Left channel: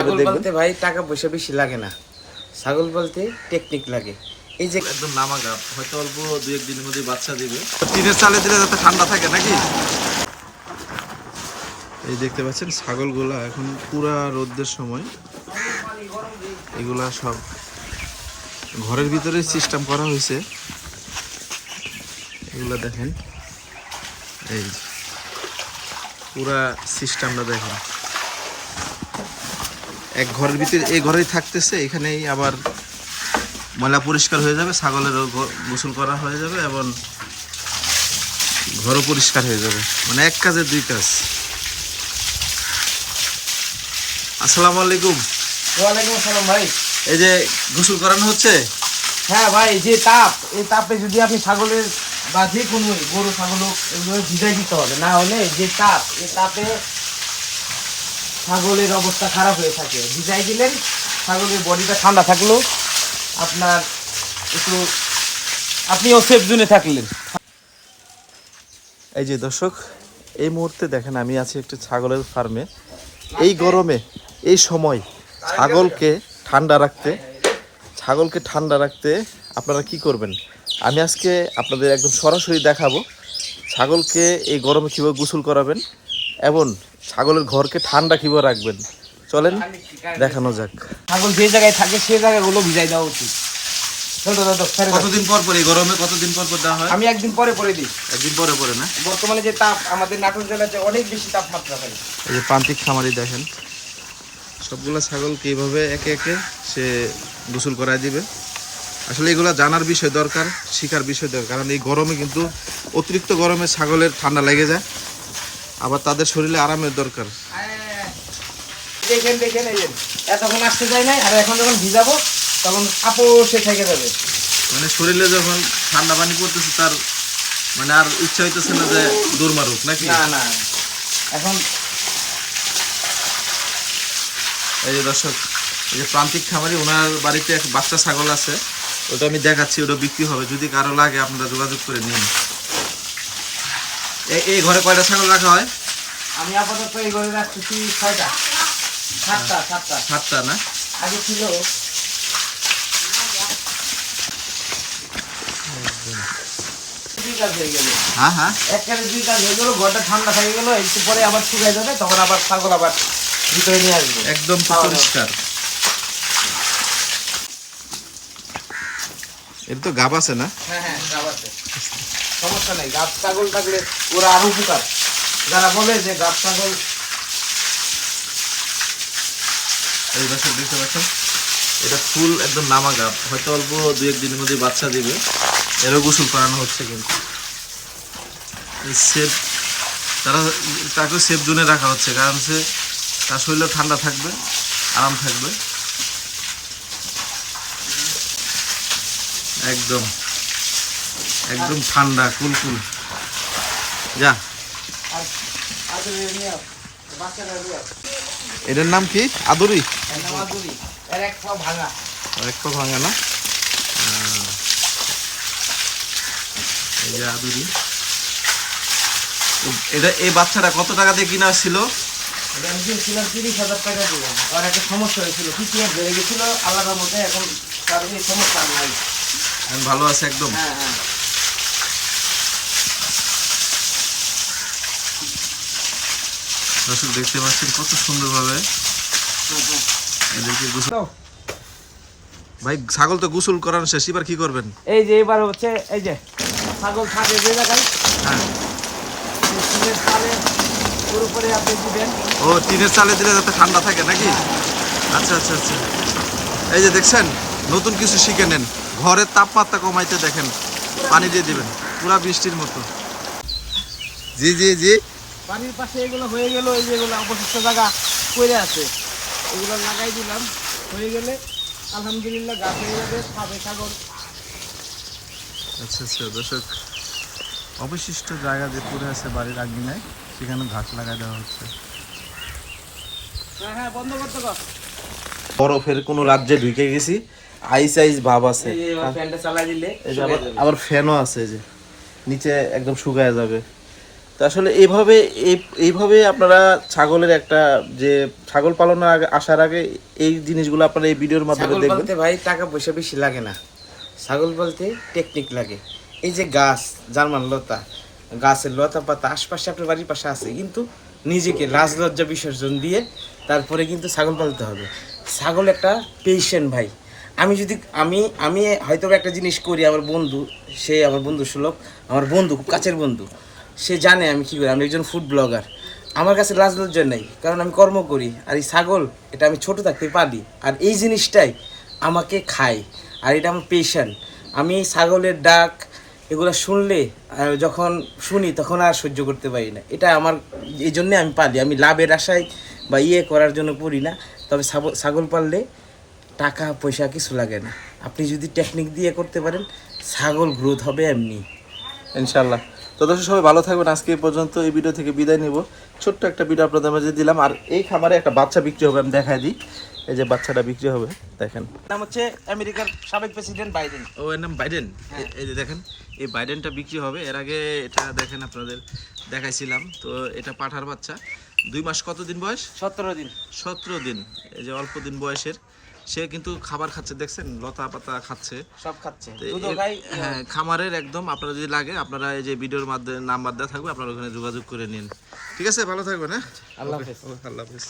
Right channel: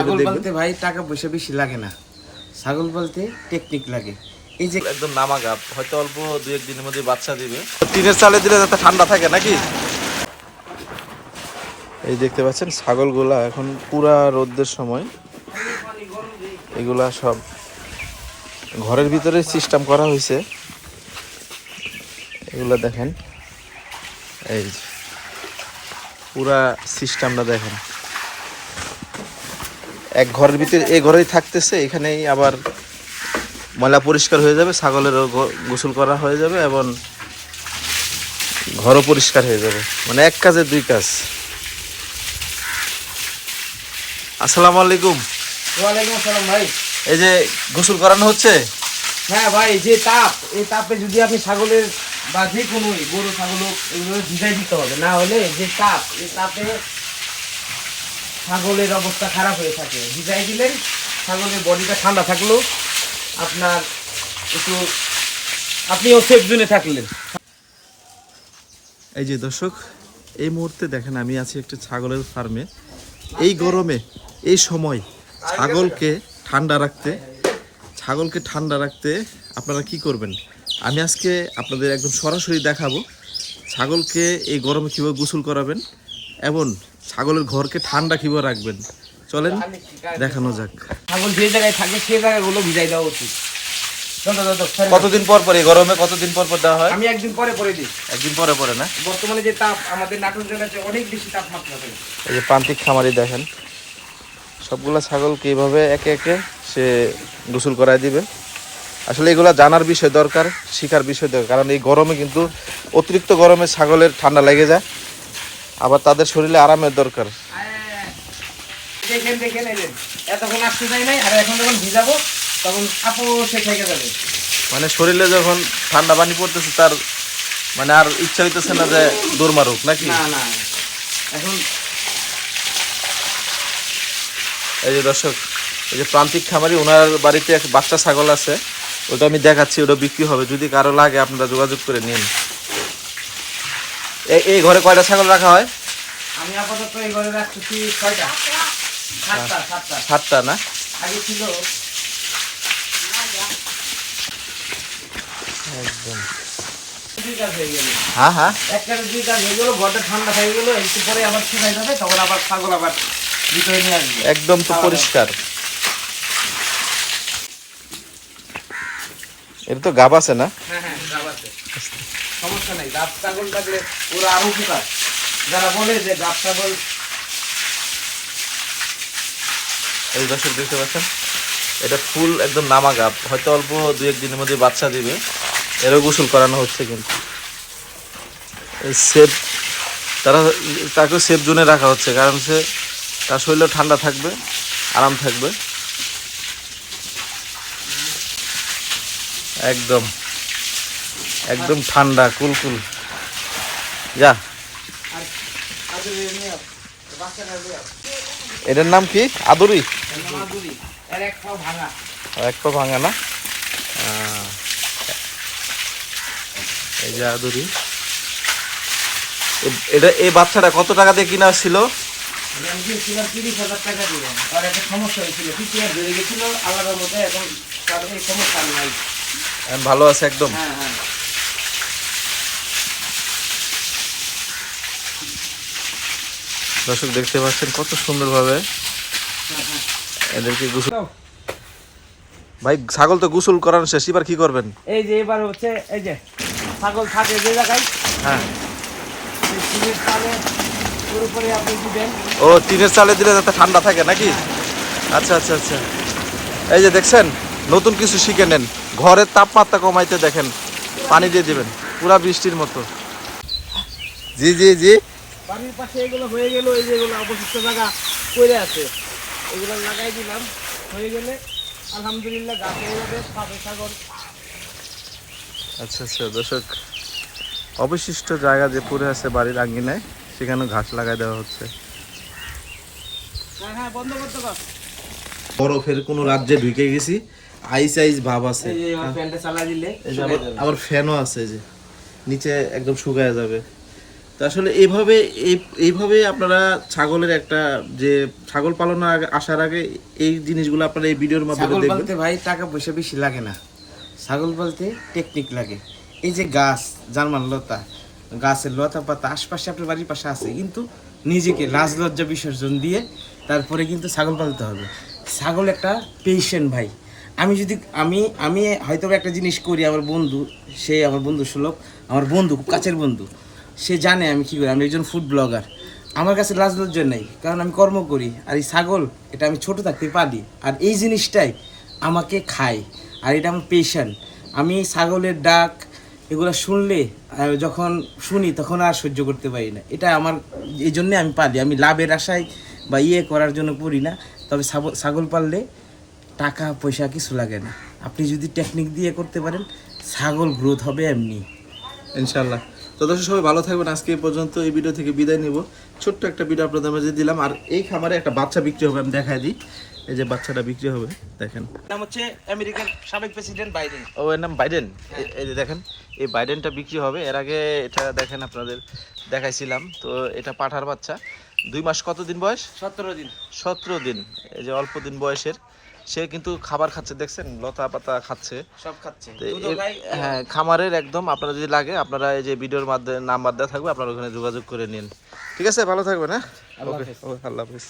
ছাগল। বলতে ভাই টাকা পয়সা বেশি লাগে না। ছাগল বলতে টেকনিক লাগে। এই যে একদম নামা গাপ হয়তো অল্প দুই এক দিনের মধ্যে বাচ্চা দিবে। টিনের চালে দিলে যাতে ঠান্ডা থাকে নাকি? এই দেখতে পাচ্ছেন ছাগলগুলা এখন পুরা রোদ্রের সময় এগুলা সব ঘরের ভিতরে সিস্টেম করা হয়েছে। এগুলা দেখেন। এই। পুরা সিস্টেমটা দেখেন। এক ঘরের ভিতরে এই ঘরেই থাকতেছে এখানেই আবার ময়লা পরিষ্কার হয়ে যাবে ছাগলেরও গোসল করা হয়ে যাবে এবং ঘরও পরিষ্কার হয়ে যাবে। মানে এক কাজে দুই কাজ। আসসালামু আলাইকুম। ওয়ালাইকুম আসসালাম ভাই। এই যে গোসল করানো হচ্ছে? হ্যাঁ ভাই যে তাপ এই তাপে যদি আপনি ছাগলের বা যে কোনো গরু ছাগল এগুলো ভিজাই দিতে হবে। না হলে যে তাপ এই তাপে ছাগলের অবস্থা খারাপ হয়ে থাকে। ভিজাই দিলেন, ছাগলের বডিটা ঠান্ডা থাকল। আপনার একটু, আপনিও সেফ জোনে থাকলেন। এই যে দর্শক, এই মুহূর্তে দেখেন, আমি আছি একটি ছাগলের ফার্মে এই গরমে, এই সময় ছাগলকে ঠান্ডা রাখতে, ছাগলকে ঠান্ডা রাখতে আপনারা কি করবেন? আমি আজকে আপনাদের একদম সরাসরি দেখাবো, ছাগলকে এই গরমে কীভাবে গোসল করাবেন এবং ছাগলের ঘরকে ঠান্ডা কীভাবে রাখবেন? চলেন দেখানো যাক। ছাগল যে জায়গায় থাকে সেই জায়গাগুলো ভিজাই দেওয়া উচিত। কতদিন পর পর গরমে কতদিন পর পর দেওয়া হয়? আমি একদিন পরে পরে দিই। একদিন পরে পরে না? বর্তমানে যে তাপ আমাদের নাটোর জেলাতে অনেক বেশি তাপমাত্রা থাকে। এই যে প্রান্তিক খামারি দেখেন সবগুলা ছাগলকে এইভাবে একে একে সে গোসল করায় দিবে। আসলে এগুলা জানার বিষয় দরকার শিখার বিষয় দরকার কারণ এই গরমে কিন্তু অতিরিক্ত গরমে ছাগলের ঠান্ডা লেগে যায়। আবার তাদের শরীরে আরামের দরকার। দেখেন দেখেন এতক্ষণ আসতে যায় নাই আর এখন যখন ভিজাবো তখন আপোষে থেকে যাবে। মানে শরীরে যখন ঠান্ডা পানি পড়তেছে তার মানে আর ইচ্ছা হইতেছে না যে দৌড় মারুক নাকি? না না না। এখন এই যে দর্শক এই যে প্রান্তিক খামারি ওনার বাড়িতে এক বাচ্চা ছাগল আছে ওটা আমি দেখাচ্ছি ওটা বিক্রি হবে। যদি কারও লাগে আপনারা যোগাযোগ করে নিন। এই এই ঘরে কয়টা ছাগল রাখা হয়? আমি আপাতত এই ঘরে রাখছি ছয়টা। সাতটা সাতটা। সাতটা না? আগে ছিল। হয়ে হ্যাঁ হ্যাঁ। দুই কাজ হয়ে গেল ঘরটা ঠান্ডা হয়ে গেল একটু পরে আবার শুকাই যাবে তখন আবার ছাগল আবার ভিতরে নিয়ে আসবে। একদম তো পরিষ্কার। এটা তো গাব আছে না? হ্যাঁ হ্যাঁ গাব আছে। সমস্যা নেই গাব ছাগল থাকলে ওরা আরও উপকার যারা বলে যে গাব ছাগল এই দর্শক দেখতে পাচ্ছেন, এটা ফুল একদম নামা গাব। হয়তো অল্প দু এক দিনের মধ্যে বাচ্চা দিবে। এরও গোসল করানো হচ্ছে কিন্তু। সেফ তারা তাকে সেফ জোনে রাখা হচ্ছে, কারণ সে তার শরীরও ঠান্ডা থাকবে, আরাম থাকবে। একদম। একদম ঠান্ডা কুলকুল। যা। এটার নাম কি? আদুরি? এক পা ভাঙা। না? এই যে আদুরি। এটা এই বাচ্চাটা কত টাকা দিয়ে কিনা ছিল? এটা আমি দিয়েছিলাম তিরিশ হাজার টাকা দিলাম আর একটা সমস্যা হয়েছিল পিছিয়ে বেড়ে গেছিল আলাদা মতো এখন তার সমস্যা নাই ভালো আছে একদম। হ্যাঁ হ্যাঁ। দর্শক দেখতে পাচ্ছেন কত সুন্দরভাবে। এদেরকে গোসল ভাই ছাগল তো গোসল করানো শেষ এবার কি করবেন? এই যে এবার হচ্ছে এই যে ছাগল থাকে যে জায়গায় হ্যাঁ। সিমের তালে ওর উপরে আপনি দিবেন। ও টিনের চালে দিলে যাতে ঠান্ডা থাকে নাকি? আচ্ছা আচ্ছা আচ্ছা। এই যে দেখছেন নতুন কিছু শিখে নেন। ঘরের তাপমাত্রা কমাইতে দেখেন পানি দিয়ে দিবেন পুরা বৃষ্টির মতো। জি জি জি। বাড়ির পাশে এগুলো হয়ে গেল এই যেগুলো অবশিষ্ট জায়গা পড়ে আছে। এগুলো লাগাই দিলাম হয়ে গেলে আলহামদুলিল্লাহ গাছ হয়ে যাবে খাবে ছাগল। আচ্ছা আচ্ছা দর্শক অবশিষ্ট জায়গা যে পড়ে আছে বাড়ির আঙ্গিনায় সেখানে ঘাস লাগাই দেওয়া হচ্ছে। হ্যাঁ হ্যাঁ বন্ধ করতে কর বরফের কোনো রাজ্যে ঢুকে গেছি আইস আইস ভাব আছে। এই যে এবার ফ্যানটা চালা দিলে এই যে আবার আবার ফ্যানও আছে যে নিচে একদম শুকায় যাবে। তো আসলে এইভাবে এই- এইভাবে আপনারা ছাগলের একটা যে ছাগল পালনের আগে আসার আগে এই জিনিসগুলো আপনারা এই ভিডিওর মাধ্যমে দেখবেন। ভাই টাকা পয়সা বেশি লাগে না। ছাগল পালতে টেকনিক লাগে। এই যে গাছ জার্মান লতা গাছের লতা পাতা আশপাশে আপনার বাড়ির পাশে আছে কিন্তু নিজেকে লাজ লজ্জা বিসর্জন দিয়ে তারপরে কিন্তু ছাগল পালতে হবে। ছাগল একটা পেশেন্ট ভাই। আমি যদি আমি আমি হয়তো বা একটা জিনিস করি আমার বন্ধু সে আমার বন্ধু সুলভ আমার বন্ধু খুব কাছের বন্ধু। সে জানে আমি কি করি, আমি একজন ফুড ব্লগার আমার কাছে লাজ লজ্জা নেই, কারণ আমি কর্ম করি। আর এই ছাগল, এটা আমি ছোট থাকতে পারি। আর এই জিনিসটাই আমাকে খায়, আর এটা আমার পেশেন্ট আমি ছাগলের ডাক, এগুলো শুনলে যখন শুনি, তখন আর সহ্য করতে পারি না। এটা আমার, এই জন্যে আমি পালি। আমি লাভের আশায় বা ইয়ে করার জন্য করি না। তবে ছাগল পাললে টাকা, পয়সা কিছু লাগে না। আপনি যদি টেকনিক দিয়ে করতে পারেন, ছাগল গ্রোথ হবে এমনি। ইনশাল্লাহ তো দর্শক সবাই ভালো থাকবেন। আজকে এই পর্যন্ত এই ভিডিও থেকে বিদায় নিব। ছোট্ট একটা ভিডিও আপনাদের মাঝে দিলাম। আর এই খামারে একটা বাচ্চা বিক্রি হবে আমি দেখাই দিই। এই যে বাচ্চাটা বিক্রি হবে দেখেন। নাম হচ্ছে আমেরিকার সাবেক প্রেসিডেন্ট বাইডেন ও এর নাম বাইডেন এই যে দেখেন এই বাইডেনটা বিক্রি হবে। এর আগে এটা দেখেন আপনাদের দেখাইছিলাম। তো এটা পাঠার বাচ্চা। দুই মাস কত দিন বয়স? সতেরো দিন। সতেরো দিন। এই যে অল্প দিন বয়সের। সে কিন্তু খাবার খাচ্ছে দেখছেন? লতা পাতা খাচ্ছে। সব খাচ্ছে। হ্যাঁ খামারের একদম আপনারা যদি লাগে আপনারা এই যে ভিডিওর মাধ্যমে নাম্বার দেওয়া থাকবে আপনারা ওখানে যোগাযোগ করে নিন। ঠিক আছে? ভালো থাকবেন হ্যাঁ? আল্লাহ হাফিজ। আল্লাহ হাফিজ।